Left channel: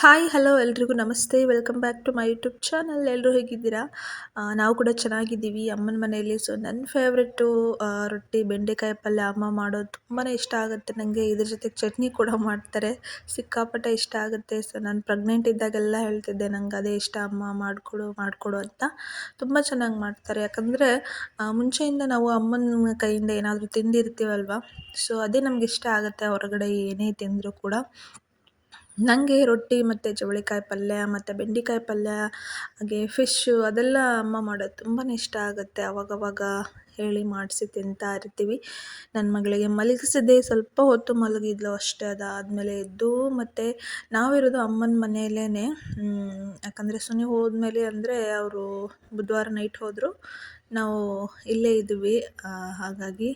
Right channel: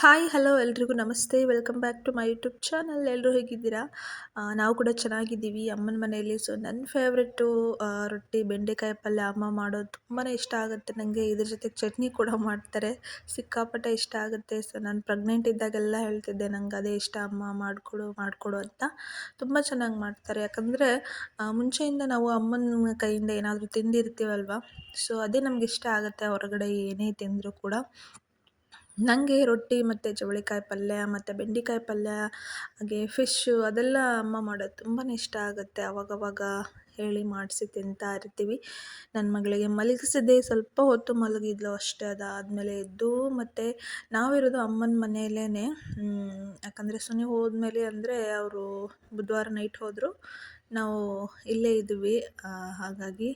Hi hello ಎಲ್ರಿಗೂ ನಮಸ್ತೆ welcome back to my YouTube channel. ಎಲ್ಲರೂ ಹೇಗಿದ್ದೀರಾ? ನಾವು ಕೂಡ ಚೆನ್ನಾಗಿದ್ದೀವಿ ಅಮ್ಮನ ಮನೆಯಲ್ಲಿ. ಸೊ ನನ್ನ ಫೇವ್ರೆಟ್ಟು ರೊಟ್ಟಿ ಬೆಂಡೆಕಾಯಿ ಪಲ್ಯ ಅಮ್ಮ ಮಾಡೋದು ತುಂಬಾ ಇಷ್ಟ ಆಗುತ್ತೆ ನನಗೆ. ಇದ್ರ ಜೊತೆಗೆ ಚಟ್ನಿ ಕೂಡ ಮಾಡ್ತಾರೆ, ಸಿಕ್ಕಾಪಟ್ಟೆ ಇಷ್ಟ ಆಗುತ್ತೆ. ಸೊ ನಾನು ಪ್ರೆಗ್ನೆಂಟ್ ಇದ್ದಾಗೆಲ್ಲ ಹೇಳ್ತಿದ್ದೆ ನಂಗೆ ಅದೇ ಇಷ್ಟ ಅಮ್ಮ ಮಾಡಿಕೊಡು ಅಂತ. ತುಂಬ ಚೆನ್ನಾಗಿ ಮಾಡ್ತಾರೆ. ಯಾಕಂದರೆ ಮುಂಚೆಯಿಂದ ನಾವು ಅಮ್ಮನ ಕೈಯಿಂದ ಏನಾದರೂ ತಿಂದಿರ್ತೀವಲ್ವ, ಸೊ ಅದೇ ನಮ್ಗೆ ಇಷ್ಟ ಆಗುತ್ತೆ ಹೊರಗಡೆ ಏನೇ ತಿಂದರೂ ಕೂಡ. ನನಗೆ ರೊಟ್ಟಿ ಮತ್ತು ಚವಳಿಕಾಯಿ ಪಲ್ಯ ಮತ್ತು ಬೆಂಡೆಕಾಯಿ ಪಲ್ಯ, ಹಾಗೆ ಫಿಶ್ಶು ಅದೆಲ್ಲ ಅಮ್ಮ ಮಾಡೋದು ತುಂಬಾ ಇಷ್ಟ ಆಗುತ್ತೆ. ಅವಾಗವಾಗ ಹೇಳಿ ಮಾಡಿಸಿ ತಿಂತಾ ಇರ್ತೀವಿ. ನನ್ನ ಮಗಳಿಗೆ ಮಲಗಿಸಿದ್ದೆ ಸ್ವಲ್ಪ ಹೊತ್ತು ಮಲಗಿದ್ಲು ಅಷ್ಟೇ. ಅದಾದಮೇಲೆ ಎದ್ದು ಮತ್ತು ನಾವಿರೋದು ಅಮ್ಮನ ಮನೆಯಲ್ಲೇ. ಯಾಕಂದರೆ ಸುನಿ ಹೋದ್ಮೇಲೆ ಅಂದರೆ ಅವರು ಬುಧವಾರ ನೈಟ್ ಹೋದರು, ನಾವು ಇಲ್ಲೇ ಇದ್ದೀವಿ. ಹಾಗಾಗಿ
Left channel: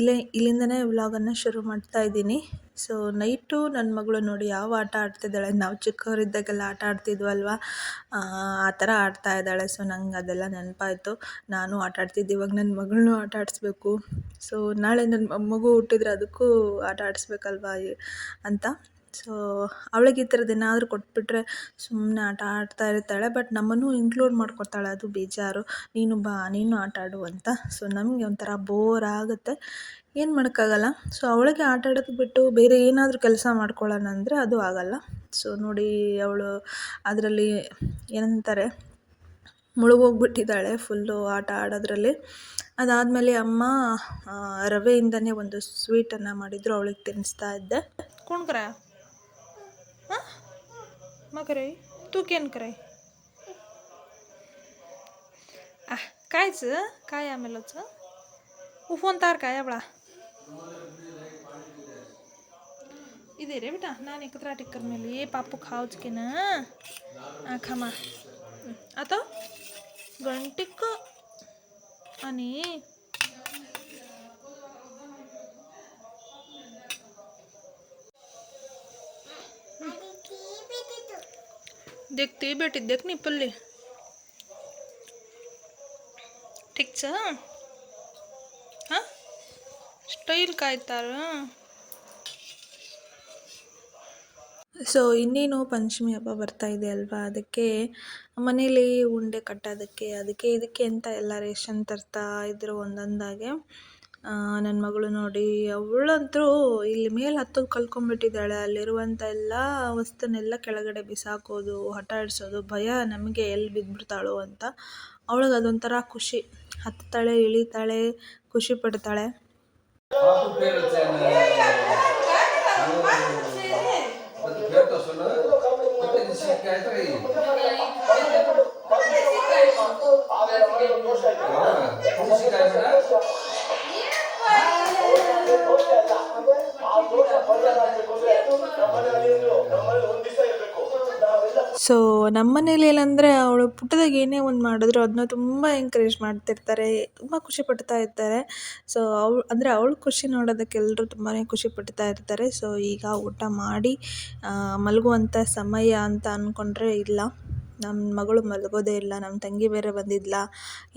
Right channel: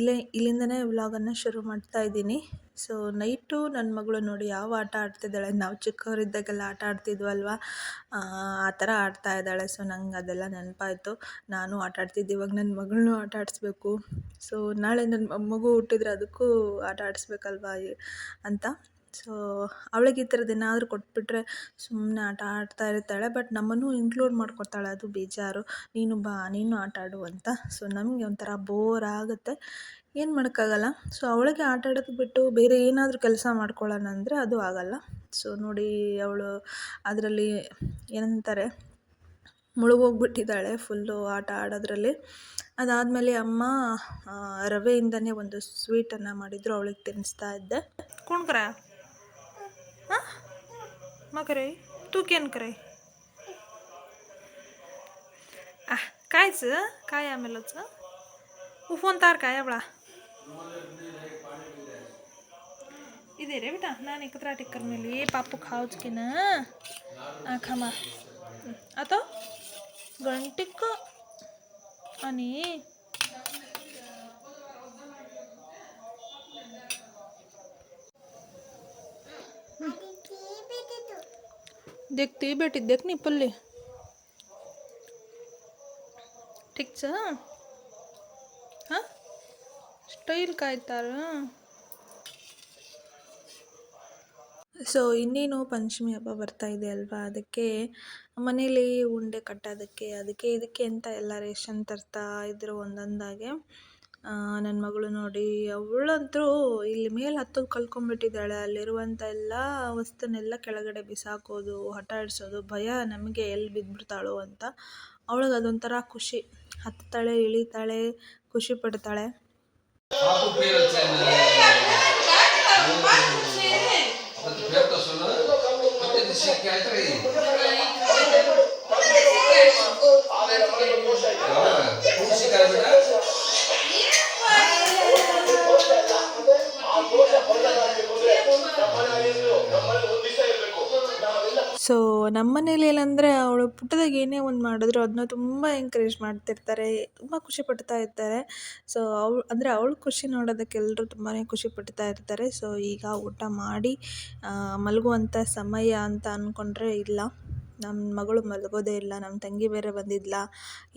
ಇಲ್ಲಿಂದನೇ ವ್ಲಾಗನ್ನು ಶುರು ಮಾಡ್ತಾ ಇದ್ದೀನಿ. ಸೊ ನೈಟು ನನ್ನ ಮಗಳು ನೋಡಿ ಯಾವ ಆಟ ಆಡ್ತಿದ್ದಾಳೆ, ನಾವು ಚಿಕ್ಕವರಿದ್ದಾಗೆಲ್ಲ ಆಟ ಆಡ್ತಿದ್ವಲ್ವ, ಆ ಥರ ಆಡ್ತಾ ಇದ್ದಾಳೆ. ಸೊ ನಂಗೆ ಅದೆಲ್ಲ ನೆನಪಾಯಿತು, ನಾನು ಆಟ ಆಡ್ತಿದ್ದೆ, ಇವಾಗ ನನ್ನ ಮಗಳನ್ನೂ ಆಟ ಆಡಿಸ್ಬೇಕು. ಸೊ ನಾಳೆ ನನ್ನ ಮಗು ಹುಟ್ಟಿದ್ರೆ ಅದಕ್ಕೂ ಆಟ ಆಡಿಸ್ಬೇಕಲ್ವ ಅಂತ. ಸೊ ಅವಳಿಗೆ ಈ ಥರದ್ದು ಏನಾದರೂ ಕೊಟ್ಬಿಟ್ರೆ ಸುಮ್ಮನೆ ಆಟ ಆಡ್ತಾ ಇರ್ತಾಳೆ. ಬಟ್ ನಮ್ಮನ್ನು ಇನ್ಕ್ಲೂಡ್ ಮಾಡ್ಕೊತಾಳೆ, ಅದು ಬೇಜಾರು. ನೀನು ಬಾ, ನೀನು ಆಟ ಆಡು ಅಂತ. ಸೊ ನಮಗೆ ಒಂಥರ ಬೋರ್ ಆಗುತ್ತೆ, ಏನು ಮಾಡೋಕ್ಕಾಗಲ್ಲ. ಸೊ ಅವಳಿಗೆ ಆಟ ಆಡೋದು ಬಿಟ್ಟು ಬೇರೆ ಏನಾದರೂ ಕೆಲಸ ಮಾಡ್ಕೊಳ್ಳೋಣ ಅಂದರೆ ಅದು ಆಗಲ್ಲ. ಸೊ ನೋಡಿ ಅವಳು ಅದರಲ್ಲಿ ಏನಂತಾರೆ ಮುಳುಗೋಗ್ಬಿಟ್ಟಿದ್ದಾಳೆ ಫುಲ್ಲು ಆಟ ಆಡೋದ್ರಲ್ಲಿ. ಅದಾದಮೇಲೆ ಅಮ್ಮ ರವೆಯಿಂದನೇ ಒಂದು ಸ್ವೀಟನ್ನು ಮಾಡಿದರು, ಅವಳಿಗೆ ತಿನ್ನಿಸ್ತಾ ಇದ್ದೆ. ಕುಣ್ಕರ ಹಾಂ ಮಕರೈ ತೂಕೇನು ಕರೈ कायचं काय आमेलच उफोन तार काय आवळा इधे रे बेटा नानी कतरा टिक्कर मेली ये पापू खाओच की ना खामा आता गंटिक आणि देखती बेटी देख नी पल्ली ठीक छ हां ಸ್ಟೈಲ್ ಕಾಯ್ತಾರ. ಸೊ ಇನ್ನೇನು ಪಂಚಮಿ ಹಬ್ಬ ಬರ್ತಾ ಇದೆ ಅಲ್ವಾ, ಅದಕ್ಕೆ ಮನೇಲಿ ಉಂಡೆ ಕಟ್ಟೋದಕ್ಕೆ ಅದಕ್ಕೆ ಇದಕ್ಕೆ ಅಂತ ಎಲ್ಲ ರೇಷನ್ ತರ್ತಾ ಇದ್ರು ಒಂದೊಂದಾಗೆ. ನನ್ನ ಮಗಳು ನೋಡಿ ಅವಳಂತೂ ಇಲ್ಲಿ ಮೇಲೆ ಹತ್ತೋದು ಕಲ್ತ್ಕೊಂಡ್ಬಿಟ್ಟಿದ್ದಾಳೆ. ಅಲ್ಲಿರುವಂಥ ಎಲ್ಲ ವಸ್ತುನೆಲ್ಲ ಕೆಳಗಡೆ ಬಿಸಾಕೋದು, ಹಠ ಆಡಿಸೋದು, ಭಯ ನಮಗೆ ಎಲ್ಲಿ ಬಿದ್ದುಬಿಡ್ತಾಳೋ ಅಂತ. ಅವಳಿಗೆ ಅದೊಂಥರ ಖುಷಿ, ಹತ್ತಾಳೆ ಇಳಿತಾಳೆ ಖುಷಿ ಪಡ್ತಾಳೆ. ಸೊ ನಮ್ಮ ಮನೇಲಿ ಏನಂದರೆ ಅವಳು ಪುಟ್ಟದಾಗ ಏನೇ ಒಂದು ಮಾಡಿದ್ರು ಅದನ್ನ ತುಂಬ ಎಂಕರೇಜ್ ಮಾಡ್ತಿರ್ತಾರೆ, ತುಂಬ ಖುಷಿ ಪಡ್ತಾ ಇರ್ತಾರೆ. ಸೊ ಅವಳು ಖುಷಿ ನೋಡೋದಕ್ಕೆ ಎಲ್ಲರೂ ತುಂಬಾ ಖುಷಿ ಪಡ್ತಾ ಇರ್ತಾರೆ. ಸೊ ಈಗ ಊಟ ಮಾಡಿ ಮಲಗುವಂಥ ಸಮಯ ಅಂತ ಅಂದ್ಕೊಂಡ್ರೆ ಇಲ್ಲ, ನಮ್ಮ ಮಗಳು ಮಲಗೋದೇ ಇಲ್ಲ. ನಮ್ಮ ತಂಗಿ ಬೇರೆ ಬಂದಿದ್ಲ,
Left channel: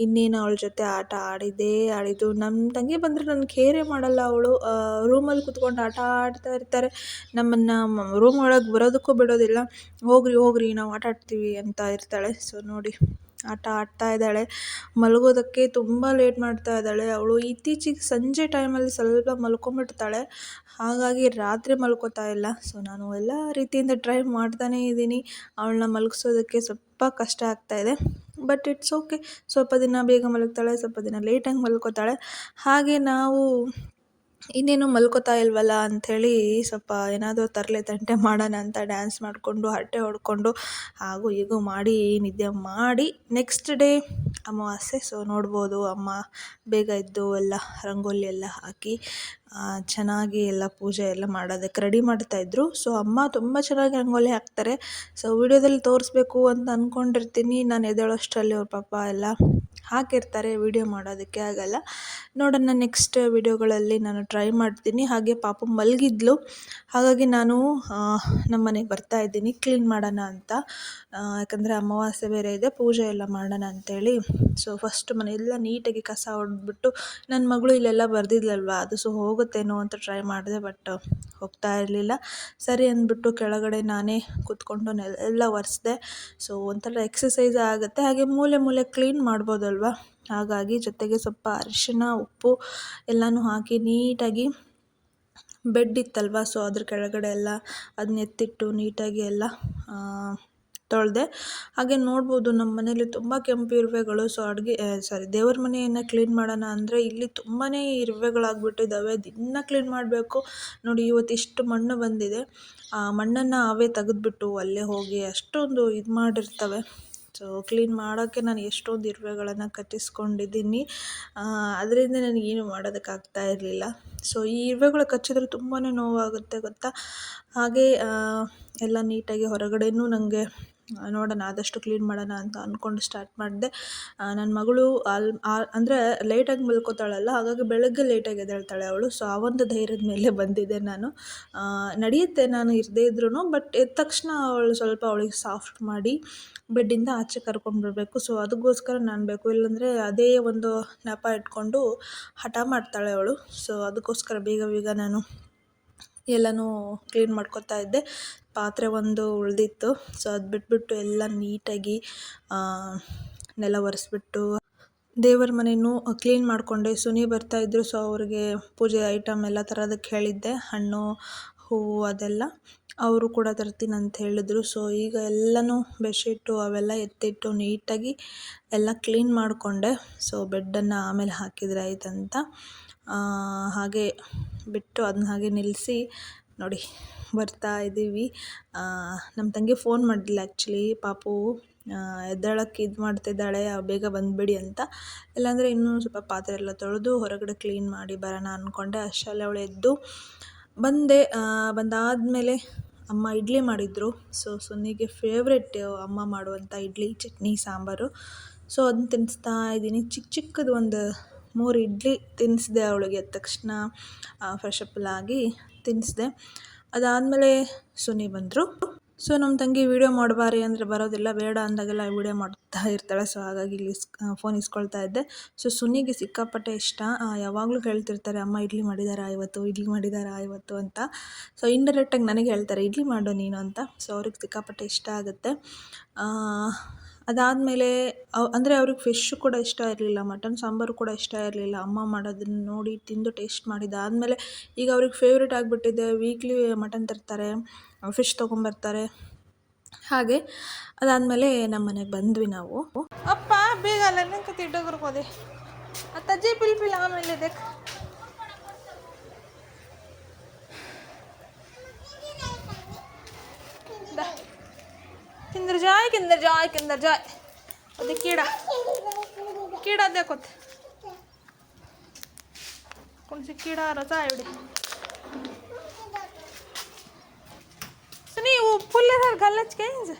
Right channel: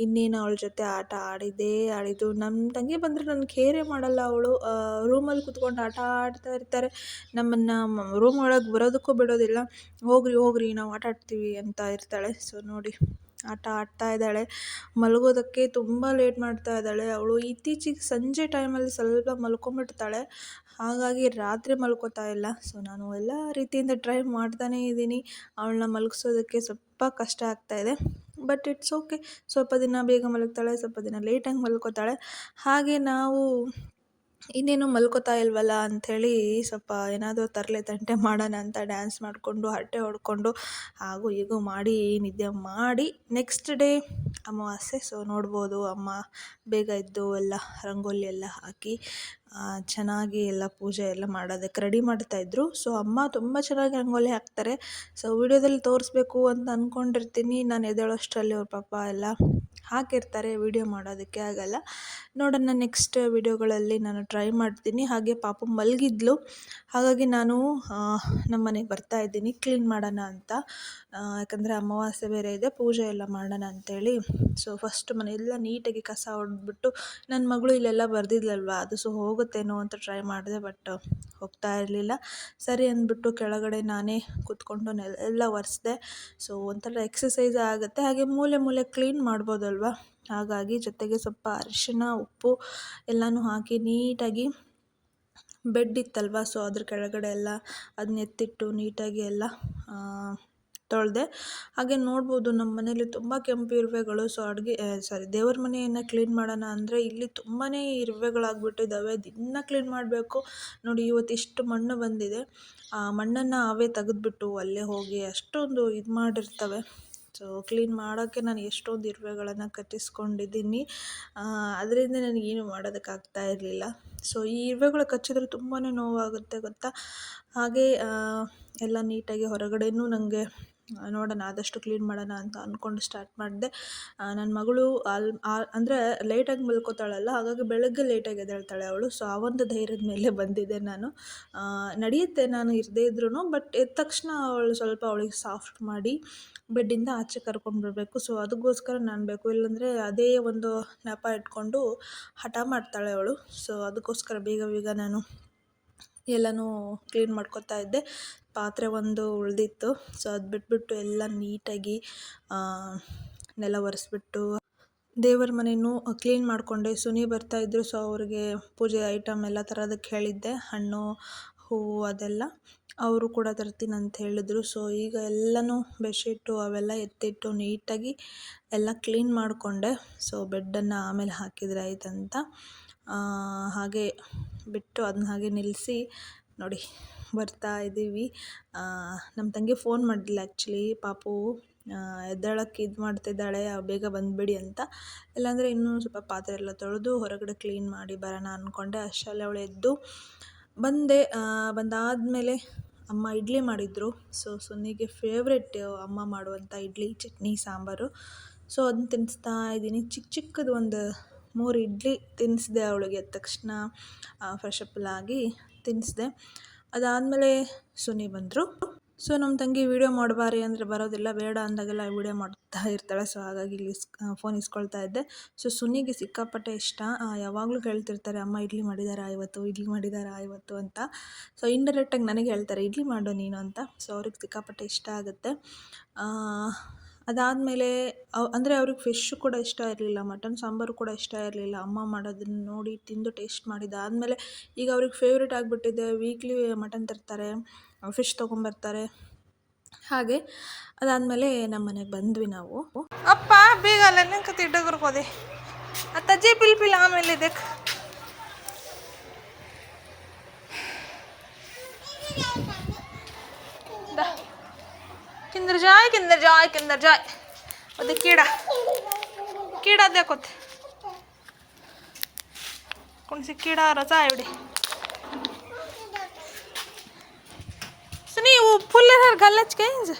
ಇನ್ನೇನು ಅವಳ ಜೊತೆ ಆಟ ಆಡಿದ್ದು. ನಮ್ಮ ತಂಗಿ ಬಂದರೆ ನನ್ನ ಕೇರೇ ಮಾಡಲ್ಲ. ಅವಳು ರೂಮಲ್ಲಿ ಕುತ್ಕೊಂಡು ಆಟ ಆಡ್ತಾ ಇರ್ತಾರೆ, ನಮ್ಮನ್ನು ರೂಮ್ ಒಳಗೆ ಬರೋದಕ್ಕೂ ಬಿಡೋದಿಲ್ಲ. ಹೋಗ್ರಿ ನಾವು ಆಟ ಆಡ್ತೀವಿ ಅಂತ ಇರ್ತಾಳೆ. ಸೊ ನೋಡಿ ಆಟ ಆಡ್ತಾ ಇದ್ದಾಳೆ, ಮಲಗೋದಕ್ಕೆ ತುಂಬ ಲೇಟ್ ಮಾಡ್ತಾ ಇದ್ದಾಳೆ ಅವಳು. ಇತ್ತೀಚೆಗೆ ಸಂಜೆ ಟೈಮಲ್ಲಿ ಸ್ವಲ್ಪ ಮಲ್ಕೊಂಬಿಡ್ತಾಳೆ, ಹಾಗಾಗಿ ರಾತ್ರಿ ಮಲ್ಕೋತಾ ಇಲ್ಲ. ಸೊ ನಾನು ಎಲ್ಲ ರೀತಿಯಿಂದ ಟ್ರೈ ಮಾಡ್ತಾನೇ ಇದ್ದೀನಿ ಅವಳನ್ನ ಮಲಗಿಸೋದಕ್ಕೆ. ಸ್ವಲ್ಪ ಕಷ್ಟ ಆಗ್ತಾಯಿದೆ, ಬಟ್ ಇಟ್ಸ್ ಓಕೆ. ಸ್ವಲ್ಪ ದಿನ ಬೇಗ ಮಲಗ್ತಾಳೆ, ಸ್ವಲ್ಪ ದಿನ ಲೇಟಾಗಿ ಮಲ್ಕೋತಾಳೆ. ಹಾಗೆ ನಾವು ಇನ್ನೇನು ಮಲ್ಕೋತಾ ಇಲ್ವಲ್ಲ ಅಂಥೇಳಿ ಸ್ವಲ್ಪ ಏನಾದರೂ ತರಲೆ ತಂಟೆ ಮಾಡೋಣ ಅಂತ ಡ್ಯಾನ್ಸ್ ಮಾಡಿಕೊಂಡು ಹರಟೆ ಹೊಡ್ಕೊಂಡು ಹಾಗೂ ಹೀಗೂ ಮಾಡಿ ನಿದ್ದೆ ಮಾಡಿ ನೆಕ್ಸ್ಟ್ ಡೇ ಅಮಾವಾಸ್ಯೆ. ಸೊ ನೋಡ್ಬೋದು ಅಮ್ಮ ಬೇಗ ಎದ್ದು ಎಲ್ಲ ರಂಗೋಲಿ ಎಲ್ಲ ಹಾಕಿ ಚೆನ್ನಾಗಿ ಎಲ್ಲ ಪೂಜೆ ಎಲ್ಲ ಮಾಡೋದಕ್ಕೆ ರೆಡಿ ಮಾಡ್ತಾಯಿದ್ರು. ಸೊ ಅಮ್ಮ ತುಂಬ ಚೆನ್ನಾಗಿ ರಂಗೋಲಿ ಹಾಕ್ತಾರೆ. ಸೊ ವಿಡಿಯೋದಲ್ಲಿ ತೋರಿಸ್ಬೇಕು ಅಂತ ಅಂದ್ಕೊಂಡಿರ್ತೀನಿ, ನಾನು ಎದ್ದೇಳೋಷ್ಟರಲ್ಲಿ ಅವ್ರ ಪಾಪ ಎಲ್ಲ ಹಾಕಿರ್ತಾರೆ, ವಿಡಿಯೋ ಮಾಡೋದಕ್ಕೆ ಆಗಲ್ಲ. ನೋಡೋಣ ನೆಕ್ಸ್ಟ್ ವಿಡಿಯೋಗಳಲ್ಲಿ ನಾನು ಟ್ರೈ ಮಾಡ್ತೀನಿ. ಹಾಗೆ ಪಾಪು ಮಲಗಿದ್ಲು, ಹಾಗಾಗಿ ನಾನು ನಮ್ಮ ಮನೆಗೆ ಬರ್ತಾಯಿದ್ದೀನಿ ಕ್ಲೀನ್ ಮಾಡೋಣ ಅಂತ. ಯಾಕಂದರೆ ಅಮಾವಾಸ್ಯೆ ಬೇರೆ ಇದೆ, ಪೂಜೆ ಎಲ್ಲ ಮಾಡೋಣ ಅಂಥೇಳಿ. ಸೊ ಫಸ್ಟ್ ಮನೆಯೆಲ್ಲ ನೀಟಾಗಿ ಕಸ ಹೊಡೆದ್ಬಿಟ್ಟು, ನನ್ನ ಮಗಳು ಇಲ್ಲೆಲ್ಲ ಬರೆದಿದ್ಲಲ್ವ ಅದು ಸೊ ಹೋಗೋದು ಹೋಗುತ್ತೇನೋ ಅಂತ ಟ್ರೈ ಮಾಡಿದೆ, ಬಟ್ ಹೋಗ್ತಾ ಇರಲಿಲ್ಲ. ಸರಿ ಅಂದ್ಬಿಟ್ಟು ಕೆಳಗಡೆ ನಾನೇ ಕೂತ್ಕೊಂಡು ಎಲ್ಲ ಒರೆಸ್ದೆ. ಸೊ ಒಂಥರ ಎಕ್ಸಸೈಸ್ ಆಗುತ್ತೆ, ಹಾಗೆ ಮೂಲೆ ಮೂಲೆ ಕ್ಲೀನ್ ಮಾಡ್ಬೋದಲ್ವ. ಹಾಗಾಗಿ ಜೊತೆಗೆ ಸ್ವಲ್ಪ ಅರಿಶಿನ, ಉಪ್ಪು ಎಲ್ಲನೂ ಹಾಕಿ ನೀಟಾಗಿ ಬೆಡ್ ಇತ್ತಲ್ವ, ಸೊ ಅದ್ರ ಕೆಳಗಡೆ ಎಲ್ಲ ಅದನ್ನ ಎತ್ತಿಟ್ಟು ನೀಟಾಗಿ ಎಲ್ಲ ತೊಳೆದೆ. ಹಾಗೆ ನೋಡ್ಬೋದು ನಮ್ಮ ಮನೇಲಿ ತುಂಬ ಕೆಂಪು ಇರುವೆಗಳು. ಸೊ ದೇವ್ರ ಮನೆಯನ್ನು ಕ್ಲೀನ್ ಮಾಡೋಣ ಅಂದರೆ ಇಲ್ಲಿ ತುಂಬಾ ಇರುವೆಗಳಾಗ್ಬಿಟ್ಟಿದ್ದಾವೆ. ದಿನ ಕ್ಲೀನ್ ಮಾಡಬೇಕು. ನೋಡಿ ಇವತ್ತು ಇಷ್ಟು ಮಣ್ಣು ಬಂದಿದೆ. ಆ ಮಣ್ಣನ್ನು ಅವೇ ತೆಗೆದ್ಬಿಟ್ಟು ಅಲ್ಲೇ ಹೋಗಿ ಅಷ್ಟೊಂದು ಇದು ಮಾಡಿರ್ತವೆ. ಸೊ ಕ್ಲೀನ್ ಮಾಡೋಕ್ಕೆ ನಾನು ಎಷ್ಟೊಂದು ಇರುವೆಗಳನ್ನು ಕಚ್ಚಿಸ್ಕೊಂಡಿದ್ದೀನಿ. ಅದರಿಂದ ನನಗೇನು ಮಾಡೋದಕ್ಕಾಗ್ತಾ ಇರಲಿಲ್ಲ. ಸೊ ಈ ಇರುವೆಗಳು ಕಚ್ಚಿದ್ರೆ ತುಂಬಾ ನೋವಾಗುತ್ತೆ ಗೊತ್ತಾ. ಹಾಗೆ ಎಲ್ಲ ನೀಟಾಗಿ ಹೊರಗಡೆನೂ ನನಗೆ ನೋಡೋಣ ಆದಷ್ಟು ಕ್ಲೀನ್ ಮಾಡೋಣ ಅಂತ ಅಂದ್ಕೊಂಡು ಸ್ಟಾರ್ಟ್ ಮಾಡಿದೆ. ನನ್ನ ಮಗಳು ಅಂದರೆ ಲೇಟಾಗಿ ಮಲ್ಕೋತಾಳಲ್ಲ, ಹಾಗಾಗಿ ಬೆಳಗ್ಗೆ ಲೇಟಾಗಿ ಎದ್ದೇಳ್ತಾಳೆ ಅವಳು. ಸೊ ಆ ಒಂದು ಧೈರ್ಯದ ಮೇಲೆ ಬಂದಿದ್ದೆ ನಾನು. ನಡೆಯುತ್ತೆ ನಾನು ಇರದೇ ಇದ್ರೂ, ಬಟ್ ಎದ್ದ ತಕ್ಷಣ ಅವಳಿಗೆ ಸಾಫ್ಟ್ ಮಾಡಿ ಬೆಡ್ಡಿಂದ ಆಚೆ ಕರ್ಕೊಂಡ್ಬರ್ಬೇಕು. ಸೊ ಅದಕ್ಕೋಸ್ಕರ ನಾನು ಬೇಕು, ಇಲ್ಲಾಂದರೆ ಅದೇ ಒಂದು ನೆಪ ಇಟ್ಕೊಂಡು ಹಠ ಮಾಡ್ತಾಳೆ ಅವಳು. ಸೊ ಅದಕ್ಕೋಸ್ಕರ ಬೇಗ ನಾನು ಎಲ್ಲನೂ ಕ್ಲೀನ್ ಮಾಡ್ಕೊತಾ ಇದ್ದೆ. ಪಾತ್ರೆ ಒಂದು ಉಳಿದಿತ್ತು. ಸೊ ಅದು ಬಿಟ್ಬಿಟ್ಟು ಎಲ್ಲ ನೀಟಾಗಿ ನೆಲ ಒರೆಸ್ಬಿಟ್ಟು ದೇವರ ಮನೆಯೂ ಕ್ಲೀನ್ ಮಾಡಿಕೊಂಡೆ. ಸುನಿ ಬರ್ತಾಯಿದ್ರು, ಸೊ ಅವ್ರಿಗೆ ಪೂಜೆ ಐಟಮ್ ಎಲ್ಲ ತರೋದಕ್ಕೆ ಹೇಳಿದ್ದೆ, ಹಣ್ಣು ಹೂವು ಅದೆಲ್ಲ. ಅವರು ಕೂಡ ತರ್ತೀನಿ ಅಂತ ಹೇಳಿದ್ರು. ಸೊ ಈಗ ಎಲ್ಲನೂ ಬೆಡ್ಶೀಟು ಅವೆಲ್ಲ ಎತ್ತಿಟ್ಟು ನೀಟಾಗಿ ಎಲ್ಲ ಕ್ಲೀನ್ ಮಾಡಿಕೊಂಡೆ. ಸೊ ಬೆಡ್ಡನ್ನು ಆಮೇಲೆ ಹಾಕಿದರೆ ಆಯ್ತಂತ ಹಾಗೆ ಬಿಟ್ಟು ಅದನ್ನ ಹಾಗೆ ನಿಲ್ಲಿಸಿ ನೋಡಿ ಬರ್ತಾ ಇದ್ದೀವಿ. ನಮ್ಮ ತಂಗಿ ಫೋನ್ ಮಾಡಿಲ್ಲ ಆ್ಯಕ್ಚುಲಿ. ಪಾಪು ಎದ್ದೇಳಕ್ಕೆ ಇದು ಮಾಡ್ತಿದ್ದಾಳೆ, ಬೇಗ ಬಂದುಬಿಡಿ ಅಂತ. ಇಲ್ಲಾಂದರೆ ಇನ್ನೂ ಸ್ವಲ್ಪ ಪಾತ್ರೆ ಎಲ್ಲ ತೊಳೆದು ಹೊರಗಡೆ ಕ್ಲೀನ್ ಮಾಡಿ ಬರೋಣ ಅಂದ್ಕೊಂಡೆ. ಅಷ್ಟರಲ್ಲಿ ಅವಳು ಎದ್ದು ಬಂದೆ. ಬಂದಾದಮೇಲೆ ಅಮ್ಮ ಇಡ್ಲಿ ಮಾಡಿದರು. ಸೊ ಸುನಿಗೆ ಫೇವ್ರೆಟ್ ಅಮ್ಮ ಮಾಡುವಂಥ ಇಡ್ಲಿ, ಚಟ್ನಿ, ಸಾಂಬಾರು. ಸೊ ಅದನ್ನ ತಿನ್ನಿಸ್ತಾ ಇದ್ದೀನಿ. ಚಿಕ್ಕದು ಒಂದು 3 ಇಡ್ಲಿ ತಿನ್ನಿಸಿದೆ ಅವಳಿಗೆ. ಎದ್ದ ತಕ್ಷಣ ಫ್ರೆಶ್ ಅಪ್ ಆಗಿ ತಿನ್ನಿಸಿದೆ. ಅದಾದಮೇಲೆ ಸುನಿ ಬಂದರು. ಸೊ ನಮ್ಮ ತಂಗಿ ವೀಡಿಯೋ ಮಾಡಬಾರಿ ಅಂದರೆ ಬರೋದಿಲ್ಲ, ಬೇಡ ಅಂದಾಗೆಲ್ಲ ವೀಡಿಯೋ ಮಾಡ್ತಾ ಇರ್ತಾಳೆ. ಸೊ ಹಾಗಾಗಿ ಇಲ್ಲಿ ಫೋನ್ ಇಸ್ಕೊಳ್ತಾ ಇದ್ದೆ. ಸೊ ಸುನಿಗೆ ಸಿಕ್ಕಾಪಟ್ಟೆ ಇಷ್ಟ. ಯಾವಾಗಲೂ ಹೇಳ್ತಿರ್ತಾರೆ, ಅಮ್ಮ ಇಡ್ಲಿ ಮಾಡಿದಾರಾ ಇವತ್ತು ಅಂತ. ಸೊ ಇಂಡೈರೆಕ್ಟಾಗಿ ನನಗೆ ಹೇಳ್ತಾರೆ, ಇಡ್ಲಿ ಮಾಡು ನೀನು ಅಂತ. ಸೊ ಅವ್ರಿಗೆ ಸಿಕ್ಕಾಪಟ್ಟೆ ಇಷ್ಟ ಆಗುತ್ತೆ. ಅದಾದಮೇಲೆ ಅಂದರೆ ಅವ್ರಿಗೆ ಫಿಶ್ಶು ಕೂಡ ಇಷ್ಟ ಇರಲಿಲ್ಲ, ಮಟನ್ ಸಾಂಬಾರು ಕೂಡ ಇಷ್ಟ ಇರಲಿಲ್ಲ. ಅಮ್ಮ ಮಾಡೋದನ್ನು ನೋಡಿ ತಿಂದು ಟೇಸ್ಟ್ ಮಾಡಿದ್ದಾದಮೇಲೆ ಈಗ ಅವ್ರಿಗೆ ಫೇವ್ರೇಟ್ ಆಗಿಬಿಟ್ಟಿದೆ. ವೀಕ್ಲಿ ಮಟನ್ ತರ್ತಾರೆ, ಫಿಶ್ ತೊಗೊಂಬರ್ತಾರೆ. ಹಾಗೆ ಅದಾದಮೇಲೆ ನಮ್ಮ ಮನೆಗೆ ಬಂದ್ವಿ ನಾವು. ಅಪ್ಪ ಬೇಗ ಅಲ್ಲ ತಿಡ್ಡೋದೆ ಅಜ್ಜಿ ಪಿಲ್ ಆಮೇಲೆ ಇದಕ್ಕೆ किंदर जाय वो कीड़ा देखो कौन सी कीड़ा रचा है बड़ी सुनी वो फुल है गलच कहीं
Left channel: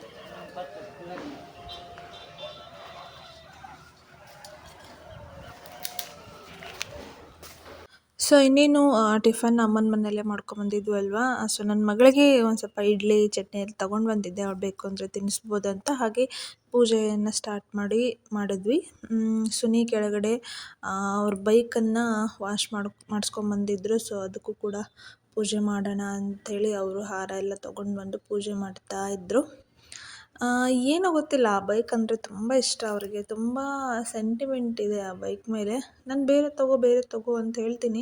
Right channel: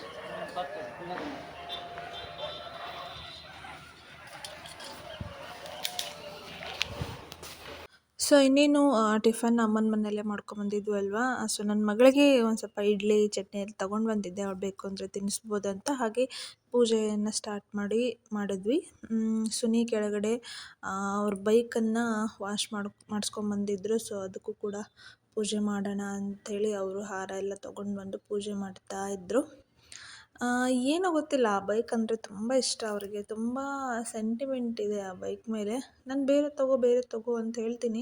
ಸೊ ಇನ್ನೇನು ಟಿಫನ್ ಅಮ್ಮನ ಮನೆಯಲ್ಲೇ ಮಾಡ್ಕೊಂಬಂದಿದ್ವು ಅಲ್ವಾ. ಸೊ ನನ್ನ ಮಗಳಿಗೆ ಒಂದು ಸ್ವಲ್ಪ ಇಡ್ಲಿ ಚಟ್ನಿ ಎಲ್ಲ ತೊಗೊಂಡು ಬಂದಿದ್ದೆ, ಅವಳು ಬೇಕು ಅಂದರೆ ತಿನ್ನಿಸ್ಬೋದು ಅಂತ. ಹಾಗೆ ಪೂಜೆಯನ್ನು ಸ್ಟಾರ್ಟ್ ಮಾಡಿದ್ವಿ. ಸುನಿ ಕೆಳಗಡೆ ಅವ್ರ ಬೈಕನ್ನು ವಾಶ್ ಮಾಡಿಸ್ಕೊಂಬಂದಿದ್ರು. ಸೊ ಅದಕ್ಕೂ ಕೂಡ ಪೂಜೆ ಮಾಡೋಣ ಅಂಥೇಳಿ ಅವರು ಹಾರ ಎಲ್ಲ ತೊಗೊಂಡು ಬಂದು ಪೂಜೆ ಮಾಡ್ತಾಯಿದ್ರು. ಏನೋ ಗೊತ್ತಿಲ್ಲ, ಆ ಬೈಕ್ ಅಂದರೆ ತುಂಬ ಇಷ್ಟ ಅವರಿಗೆ. ತುಂಬ ಸೆಂಟಿಮೆಂಟ್ ಇದೆ ಆ ಬೈಕ್ ಮೇಲೆ. ನಾನು ಬೇರೆ ತಗೋ ಅಂತ ಹೇಳ್ತೀನಿ.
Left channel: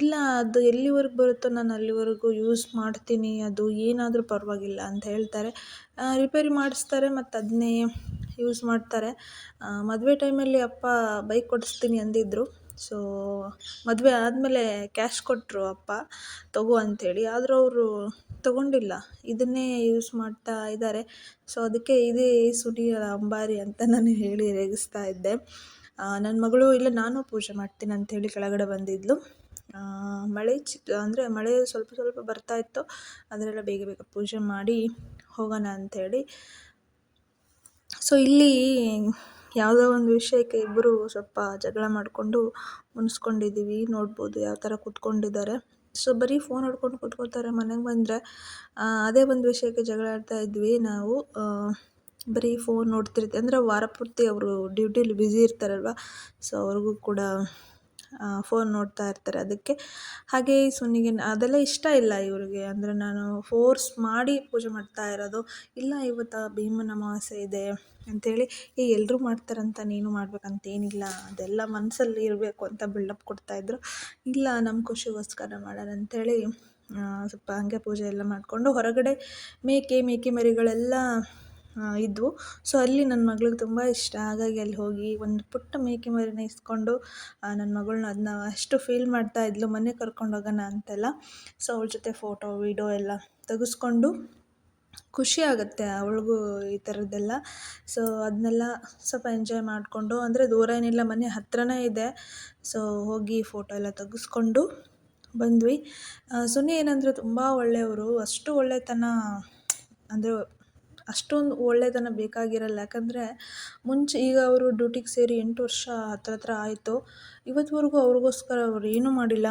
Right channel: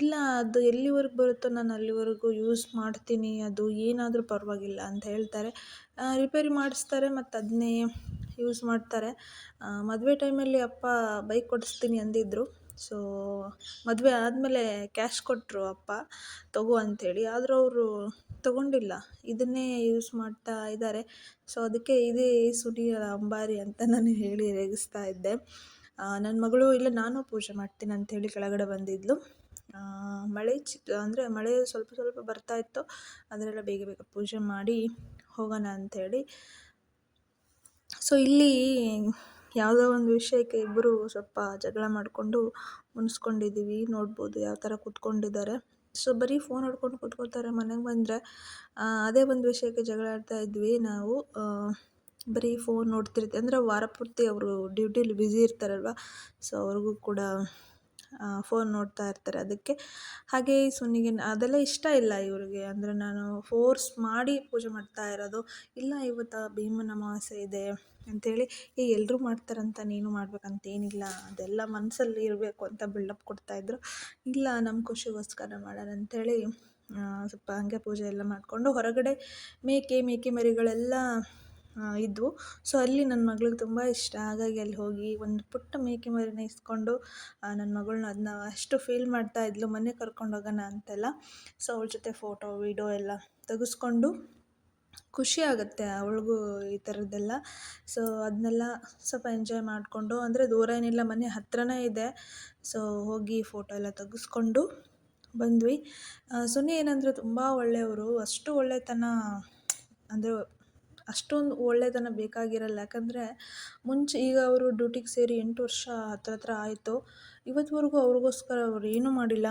ಇಲ್ಲ, ಅದು ಎಲ್ಲಿವರೆಗೂ ಬರುತ್ತೋ ನಾನು ಅಲ್ಲಿವರೆಗೂ ಯೂಸ್ ಮಾಡ್ತೀನಿ, ಅದು ಏನಾದರೂ ಪರವಾಗಿಲ್ಲ ಅಂತ ಹೇಳ್ತಾರೆ. ರಿಪೇರಿ ಮಾಡಿಸ್ತಾರೆ ಮತ್ತು ಅದನ್ನೇ ಯೂಸ್ ಮಾಡ್ತಾರೆ. ಮದುವೆ ಟೈಮಲ್ಲಿ ಅಪ್ಪ ಬೈಕ್ ಕೊಡಿಸ್ತೀನಿ ಅಂದಿದ್ದರು. ಸೊ ಮದುವೆ ಆದಮೇಲೆ ಕ್ಯಾಶ್ ಕೊಟ್ಟರು ಅಪ್ಪ ತಗೋ ಅಂಥೇಳಿ. ಆದರೂ ಅವರು ತೊಗೊಂಡಿಲ್ಲ, ಇದನ್ನೇ ಯೂಸ್ ಮಾಡ್ತಾ ಇದ್ದಾರೆ. ಸೊ ಅದಕ್ಕೆ ಇದೇ ಸುನಿಯ ಅಂಬಾರಿ ಅಂತ ನಾನು ಹೇಳಿ ರೇಗಿಸ್ತಾ ಇದ್ದೆ. ನನ್ನ ಮಗಳು ಇಲ್ಲ ನಾನು ಪೂಜೆ ಮಾಡ್ತೀನಿ ಅಂಥೇಳಿ ಕೆಳಗಡೆ ಬಂದಿದ್ಲು. ಮಳೆ ಮಳೆ ಸ್ವಲ್ಪ ಬರ್ತಾ ಇತ್ತು. ಅದರೆಲ್ಲ ಬೇಗ ಪೂಜೆ ಮಾಡಿ ಹೋಗೋಣ ಅಂಥೇಳಿ. ಸೊ ಇಲ್ಲಿ ಯಾವುದೋ ಒಂದು ವಿಷಯಕ್ಕೆ ಇಬ್ಬರು ಸ್ವಲ್ಪ ಜಗಳ ಮಾಡಿಕೊಂಡು ಮುನಿಸ್ಕೊಂಡಿದ್ದೀವಿ. ನೋಡ್ಬೋದು ಯಾವ ಥರ ಕೂತ್ಕೊಂಡಿದ್ದಾರೆ. ಸೊ ಬರೀ ಫೋನ್ ಹಿಡ್ಕೊಂಡು ಕೂತ್ಕೋತಾರೆ. ಮನೆಗೆ ಬಂದರೆ ಅದೇ ಒಂದು ವಿಷಯಕ್ಕೆ ಜಗಳ ಆಡ್ತಾ ಇದ್ವಿ ನಾವು. ಬರೀ ಫೋನ್ ನೋಡ್ತಿರ್ತೀವಿ ಅಂದರೆ ವಾರ ಪೂರ್ತಿ ಅವರು ಡ್ಯೂಟಿಲಿ ಬ್ಯುಸಿ ಇರ್ತಾರಲ್ವ. ಸೊ ಅವ್ರಿಗೂ ಕೂಡ ಫೋನ್ ನೋಡ್ತಾ ಇರ್ತಾರೆ ಅದಕ್ಕೆ. ಹಾಗೆ ಈ ಸುನಿಗೆ ಅದೆಲ್ಲ ಇಷ್ಟ ಇಲ್ಲ ಇವ್ರಿಗೆ. ಅಂದರೆ ನಾನು ಫೋರ್ಸ್ ಮಾಡಿ ಪೂಜೆ ಮಾಡ್ತಾ ಇರೋದು. ಇಲ್ಲ ಇವತ್ತು ಭೀಮನ ಅಮಾವಾಸ್ಯೆ ಇದೆ ಅಂಥೇಳಿ ಎಲ್ಲರೂ ಮಾಡ್ತಾರಂತ ನೀನು ಮಾಡ್ಬೇಕಂತೇನಿಲ್ಲ, ಅದೆಲ್ಲ ಮನಸ್ಸಲ್ಲಿ ಇರಬೇಕು ಅಂತ ಬಿಲ್ಡಪ್ ಕೊಡ್ತಾಯಿದ್ರು. ಇಲ್ಲ ನಮ್ಮ ಖುಷಿಗೋಸ್ಕರ ಮಾಡೋಣ ಅಂಥೇಳಿ ಸ್ವಲ್ಪ ಹಾಗೆ ಪೂಜೆ ಎಲ್ಲ ಮಾಡಿಕೊಂಡು ಹೊರಗಡೆ ಮೇಕೆ ಮರಿಗಳೆಲ್ಲ ಇದ್ವು. ಸೊ ಅಲ್ಲಿ ನನ್ನ ಮಗಳಿಗೆ ತುಂಬ ಇಷ್ಟ. ಹಾಗಾಗಿ ಅಲ್ಲಿ ಹೋಗಿ ಒಂದು ಪುಟ್ಟ ಮೇಕೆ ಮರಿನ ಇಸ್ಕೊಂಡು ನನ್ನ ಮಗಳನ್ನ ಅದನ್ನ ಅಷ್ಟು ಫೀಲ್ ಮಾಡ್ತಾ ಇದ್ಲು, ಮನೆಗೆ ಕರ್ಕೊಂಡು ಹೋಗೋಣ ಅಂತೆಲ್ಲ. ಸೊ ಅವಳ ಜೊತೆ ಫೋಟೋ ವೀಡಿಯೋ ಎಲ್ಲ ತೆಗೆಸ್ಕೊಂಡು ಖುಷಿ ಆಗುತ್ತೆ ಅವಳಿಗೂ ಈ ಥರದ್ದೆಲ್ಲ. ಸೊ ಅದನ್ನೆಲ್ಲ ಸ್ವಲ್ಪ ಎಂಜಾಯ್ ಮಾಡಿಕೊಂಡು, ಅಂದರೆ ದೂರ ಏನಿಲ್ಲ, ಮನೆ ಹತ್ರನೇ ಇದೆ. ಸೊ ಹೋಗಿ ಫೋಟೋ ಎಲ್ಲ ತೆಗೆಸ್ಕೊಂಡು ಬಂದ್ವಿ. ಸುನಿ ಏನಂದರೆ ತುಂಬ ಒಳ್ಳೆಯವರು. ಅಷ್ಟು ಒಳ್ಳೆತನ ಅಂದರೆ ಅಷ್ಟೊಂದು ಒಳ್ಳೆತನ ಬೇಕಾಗಿರಲ್ಲ. ಯಾಕಂದರೆ ಮುಂಚೆ ಈಗ ಅವರು ಡ್ಯೂಟಿಗೆ ಸೇರಿ 8 ವರ್ಷ ಹತ್ರ ಆಯಿತು. ಇವತ್ತುವರೆಗೂ ಅವ್ರಿಗೋಸ್ಕರ ಅವ್ರು ಏನೂ ಮಾಡಿಲ್ಲ.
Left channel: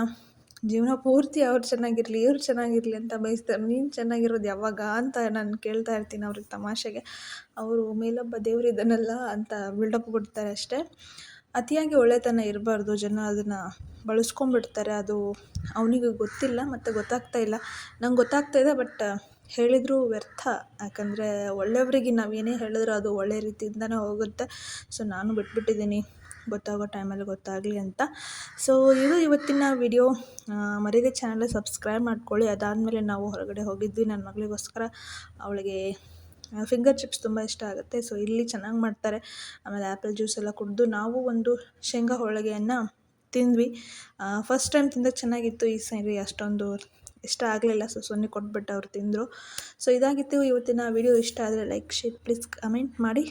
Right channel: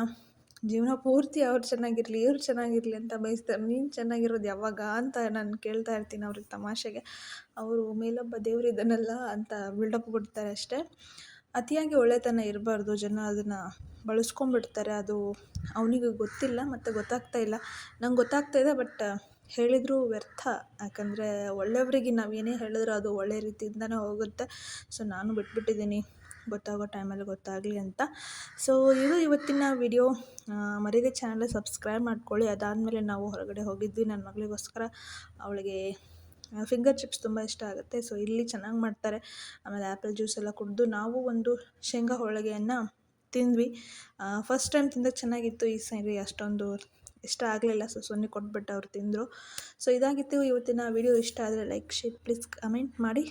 ಜೀವನ ಪೂರ್ತಿ ಅವ್ರು ಚೆನ್ನಾಗಿರಲಿ, ಇವ್ರು ಚೆನ್ನಾಗಿರಲಿ ಅಂತ ಬಯಸ್ತಾರೆ. ನೀನು ಚೆನ್ನಾಗಿರೋದು ಯಾವಾಗ ಅಂತ ನಾನು ಕೇಳ್ತಾ ಇರ್ತೀನಿ ಅವ್ರಿಗೆ ತಮಾಷೆಗೆ. ಅವರು ಮೇಲೊಬ್ಬ ದೇವರಿದ್ದಾನಲ್ಲ ಅಂತ ಬಿಲ್ಡಪ್ ಕೊಡ್ತಾರೆ ಅಷ್ಟೇ. ಅತಿಯಾಗಿ ಒಳ್ಳೆತನ ಇರಬಾರ್ದು. ಜನ ಅದನ್ನು ಬಳಸ್ಕೊಂಬಿಡ್ತಾರೆ. ಅದು ಅವನಿಗೆ ಗೊತ್ತಿಲ್ಲ ಮತ್ತು ಗೊತ್ತಾಗ್ತಾ ಇಲ್ಲ. ನಂಗೆ ಗೊತ್ತಾಗ್ತಾ ಇದೆ, ಬಟ್ ಹೇಳಿದರೂ ವ್ಯರ್ಥ. ಯಾಕಂದರೆ ಒಳ್ಳೆಯವರಿಗೆ ನಾವೇನೇ ಹೇಳಿದ್ರು ಅದು ಒಳ್ಳೆ ರೀತಿಯಿಂದನೇ ಹೋಗುತ್ತೆ. ಸೊ ನಾನು ಬಿಟ್ಬಿಟ್ಟಿದ್ದೀನಿ, ಗೊತ್ತಾಗೋ ಟೈಮಲ್ಲಿ ಗೊತ್ತಾಗಲಿ ಅಂತ. ಸೊ ಇದು ಇವತ್ತಿನ ವಿಡಿಯೋ. ಮರೀದೆ ಚಾನಲ್ ಸಬ್ಸ್ಕ್ರೈಬ್ ಮಾಡ್ಕೊಳ್ಳಿ. ಅದಾದಮೇಲೆ ನಾವು ಹೊರಗಡೆ ಹೋಗಿದ್ವಿ ನನ್ನ ಮಗಳಿಗೋಸ್ಕರ. ಅವಳಿಗೆ ಫಿಂಗರ್ ಚಿಪ್ಸ್ ತುಂಬ ಇಷ್ಟ ಆಗುತ್ತೆ. ಸೊ ಇಲ್ಲಿ ಚೆನ್ನಾಗಿ ಮಾಡ್ತಾರೆ. ಆಮೇಲೆ ಆ್ಯಪಲ್ ಜ್ಯೂಸ್ ಎಲ್ಲ ಕುಡಿದು ನಾವು ಒಂದು ಶೇಂಗಾ ಹೋಳಿಗೆಯನ್ನು ತಿಂದ್ವಿ. ಫಸ್ಟ್ ಟೈಮ್ ತಿಂದಾಗ ಚೆನ್ನಾಗಿತ್ತು. ಈ ಸರಿ ಅಷ್ಟೊಂದು ಇಷ್ಟ ಆಗಲಿಲ್ಲ. ಸೊ ಸೊನ್ನೆ ಕೊಟ್ಬಿಟ್ಟು ಅವ್ರು ತಿಂದರು. ಸೊ ಇದಾಗಿತ್ತು ಇವತ್ತಿನ ವಿಡಿಯೋ. ಇಷ್ಟ ಆದರೆ ಲೈಕ್, ಶೇರ್, ಪ್ಲೀಸ್ ಕಮೆಂಟ್ ಮಾಡಿ.